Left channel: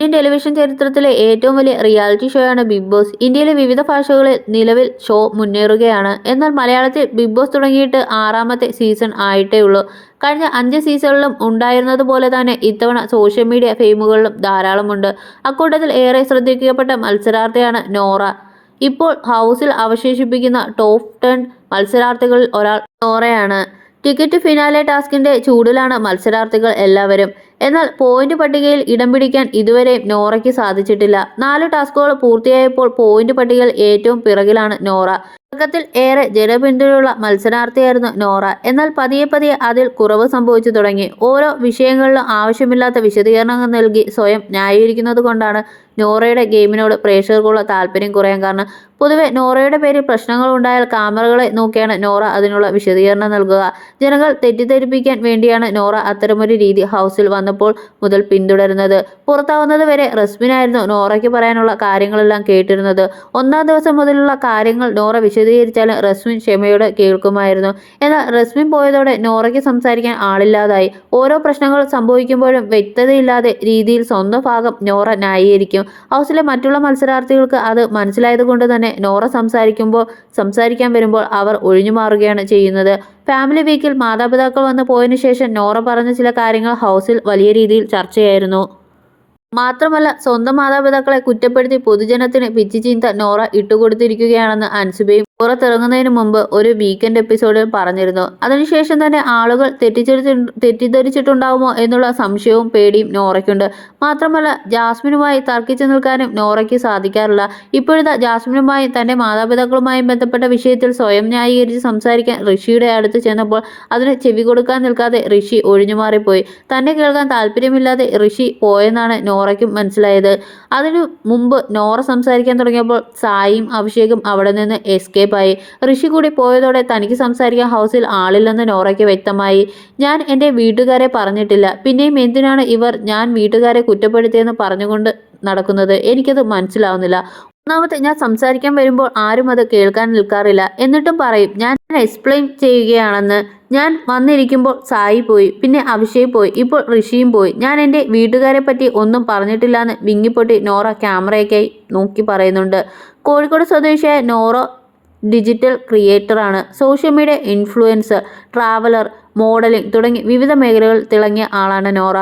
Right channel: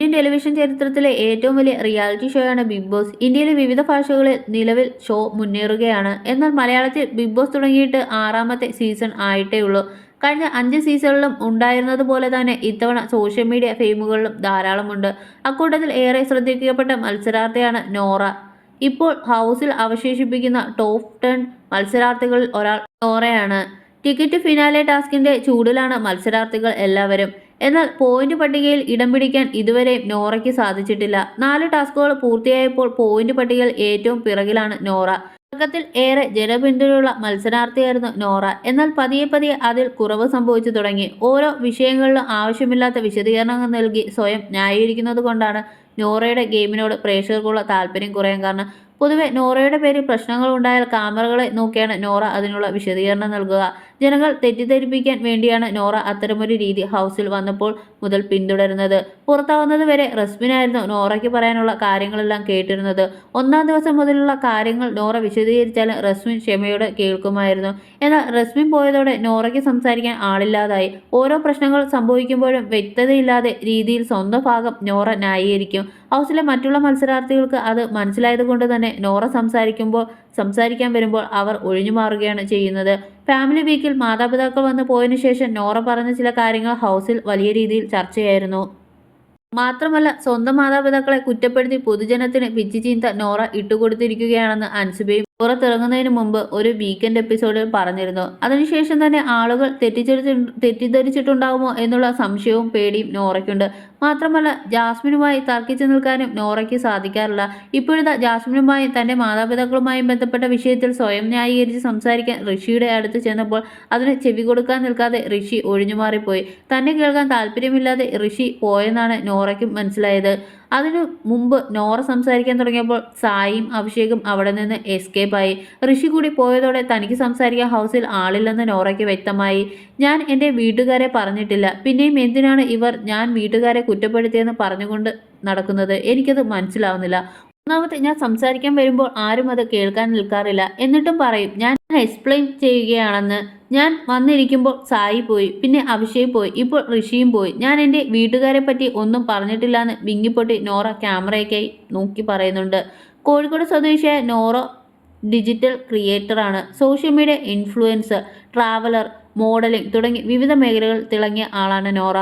Indian television ചരിത്രത്തിലെ ഏറ്റവും വലിയ റിയാലിറ്റി ഷോയാണ് ബിഗ് ബോസ്. ഇന്ത്യയിലെ വിവിധ ഭാഷകളിൽ നിലവിൽ ഷോ മുന്നേറുകയാണ്. എന്നാൽ മലയാളത്തിൽ ബിഗ് ബോസ് തുടങ്ങിയിട്ട് ആറാമത്തെ സീസൺ ആയിട്ടേ ഉള്ളൂ. കഴിഞ്ഞ അഞ്ച് സീസണിലും ഉണ്ടായിരുന്നതുപോലെ തന്നെ ഇത്തവണ സോഷ്യൽ മീഡിയ ഫെയിമുകളിലും ധാരാളമുണ്ട്. അക്കൂട്ടത്തിൽ ഏറെ ശ്രദ്ധിക്കപ്പെട്ട മത്സരാർത്ഥിയാണ് നോറ. ഇപ്പോൾ ഹൗസിൽ അവശേഷിപ്പിക്കുന്ന ടോപ്പ് ടെൻ മത്സരാർത്ഥികളിൽ ഒരാൾ നോറയാണ്. ടിക്കറ്റ് ഫിനാലെ ടാസ്കിന്റെ ചൂടിലാണ് മത്സരാർത്ഥികൾ എല്ലാവരും. എന്നാൽ പോയിന്റ് പട്ടികയിൽ ഇടം പിടിക്കാൻ ഇതുവരെ നോറയ്ക്ക് സാധിച്ചിട്ടില്ല. നാല് ടാസ്കുകൾ പൂർത്തിയായപ്പോൾ പോയിന്റ് പട്ടികയിൽ ഏറ്റവും പിറകിലാണ് നോറ. തുടക്കത്തിൽ ഏറെ ജനപിന്തുണയുള്ള മത്സരാർത്ഥിയായിരുന്നു നോറ. എന്നാൽ പതിയെ പതിയെ അതിൽ കുറവ് സംഭവിച്ചു തുടങ്ങി. ഓരോ വിഷയങ്ങളിലും ആവശ്യമില്ലാത്ത വിശദീകരണങ്ങൾ നൽകി സ്വയം ന്യായീകരിക്കുന്നത് കൊണ്ടാണ് നോറയുടെ ഗെയിമിനോട് പ്രേക്ഷകർക്കുള്ള താല്പര്യം കുറയാൻ കാരണം പൊതുവെ നോറയുടെ പേരിൽ പ്രശ്നങ്ങൾ ഉണ്ടായാൽ ക്യാമറകളെ നോക്കിയാണ് നോറ അതിനുള്ള വിശദീകരണം നൽകുക. ജനങ്ങൾ തെറ്റിദ്ധരിപ്പിക്കാൻ വേണ്ടിയാണ് നോറ അത്തരമൊരു രീതി ഹൗസിൽ വന്നപ്പോൾ മുതൽ പിന്തുടരുന്നത്. പുറത്താവുന്നത് വരെ റസ്മിനായിരുന്നു നോറയ്ക്ക് പറയാനുള്ള കാര്യങ്ങളെല്ലാം കേട്ടിരുന്നത്. ഒന്നാം ദിവസം മുതലുള്ള കാര്യങ്ങൾ നോറ വിശദീകരിച്ചാലും റസ്മിൻ ക്ഷമയോടെ കേൾക്കുമായിരുന്നു. എന്നാൽ റസ്മിൻ പോയതോടെ നോറയ്ക്ക് സംസാരിക്കാൻ ആളില്ലാതായി. ഓരോ പ്രശ്നങ്ങൾ സംഭവിക്കുമ്പോഴും വ്യക്തതയില്ലാതെ രീതിയിൽ സ്വന്തം ഭാഗം നോറ ന്യായീകരിക്കും. ഹൗസിലെ മറ്റുള്ള മത്സരാർത്ഥികൾക്ക് അത് മനസ്സിലായതുകൊണ്ട് തന്നെ നോറ സംസാരിക്കുമ്പോൾ സംസാരിക്കാൻ വരുമ്പോൾ അവർ ഒഴിഞ്ഞു മാറുകയാണ് ചെയ്യുന്നത്. ഫാമിലി വീക്കിൽ മാതാപിതാക്കൾ വന്ന് പോയതിനു ശേഷം നോറ പറഞ്ഞ ചില കാര്യങ്ങൾ ഹൗസിൽ വലിയ രീതിയിൽ ചർച്ചയായിരുന്നു. മാത്രമല്ല സ്വന്തം മാതാപിതാക്കളെ കുറ്റപ്പെടുത്തി പൊതുജനത്തിന് പിച്ചി ചീന്ത നോറ ഇട്ടുകൊടുത്തിരിക്കുകയാണെന്ന് അൻസുബയും പുറത്തിറങ്ങുന്നതിന് മുമ്പ് ഒരു വീക്കെൻഡ് എപ്പിസോഡിൽ പറഞ്ഞിരുന്നു. അതിനുശേഷം തന്നെ ആളുകൾ തെറ്റിദ്ധരിച്ചു തെറ്റിദ്ധരിച്ചിട്ടുണ്ടാവുമോ എന്നുള്ള സംശയവും പേടിയും നോറയ്ക്കുണ്ട്. മാത്രമല്ല ജാസ്മിനുമായി തർക്കിച്ചു നിൽക്കാനും നോറയ്ക്ക് സാധിക്കാറില്ല. ഇപ്പോഴത്തെ ജാസ്മിനുമായി തന്റെ മാതാപിതാക്കളുമായും ബന്ധപ്പെട്ട വിഷയത്തിൽ സ്വയം ന്യായീകരിച്ച് സംസാരിക്കാൻ ഋഷിയുടെ അടുത്ത് ചെന്നപ്പോൾ അതിന് ചെവി കൊടുക്കാൻ നിൽക്കാതെ ഋഷി ഒഴിഞ്ഞുമാറിപ്പോയി. തന്നെ കേൾക്കാൻ താല്പര്യമില്ലാതെ ഋഷി പോയെന്നാണ് നോറയ്ക്കും മനസ്സിലായത്. അതിനു മുമ്പ് നോറ സംസാരിക്കാൻ തുടങ്ങിയപ്പോൾ സായിയും അഭിഷേകും അവിടെ നിന്ന് എസ്കേപ്പായി ഋഷി കൂടി പോയതോടെ തനിക്ക് സംസാരിക്കാൻ ഹൗസിൽ ആളില്ലെന്ന് നോറയ്ക്ക് വ്യക്തമായി. ഞാൻ എന്റെ വീട്ടുകാരെ പറഞ്ഞിട്ടില്ല. പിന്നെയും എന്തിനാണ് ഇവർ ഞാൻ വീട്ടുകാരെ കുറ്റപ്പെടുത്തിയെന്ന് പറഞ്ഞുകൊണ്ട് നടക്കുന്നത്? എനിക്കത് മനസ്സിലാവുന്നില്ല. ഒന്നാമത്തെ ഞാൻ സംസാരിക്കാൻ വരുമ്പോൾ ആരും അത് കേൾക്കാൻ നിൽക്കാറില്ല. എന്നിട്ടും പറയും ഞാൻ എക്സ്പ്ലെയിൻ ചെയ്യുകയാണെന്ന്. ഞാൻ വന്നിരിക്കുമ്പോൾ സായി പോയി പിന്നെ അഭിഷേക് പോയി ഇപ്പോൾ ഋഷിയും പോയി. ഞാൻ എന്റെ വീട്ടുകാരെ പറ്റി ഒന്നും പറഞ്ഞിട്ടില്ലാന്ന് വിങ്ങിപ്പൊട്ടി നോറ ക്യാമറയൊക്കെ നോക്കി പറയുന്നുണ്ട്. കോഴിക്കോട് സ്വദേശിയായ Nora digital ക്രിയേറ്ററാണ്. Social media influencer traveller modelling തുടങ്ങി വിവിധ മേഖലകളിൽ തിളങ്ങിയ ആളാണ് നോറ.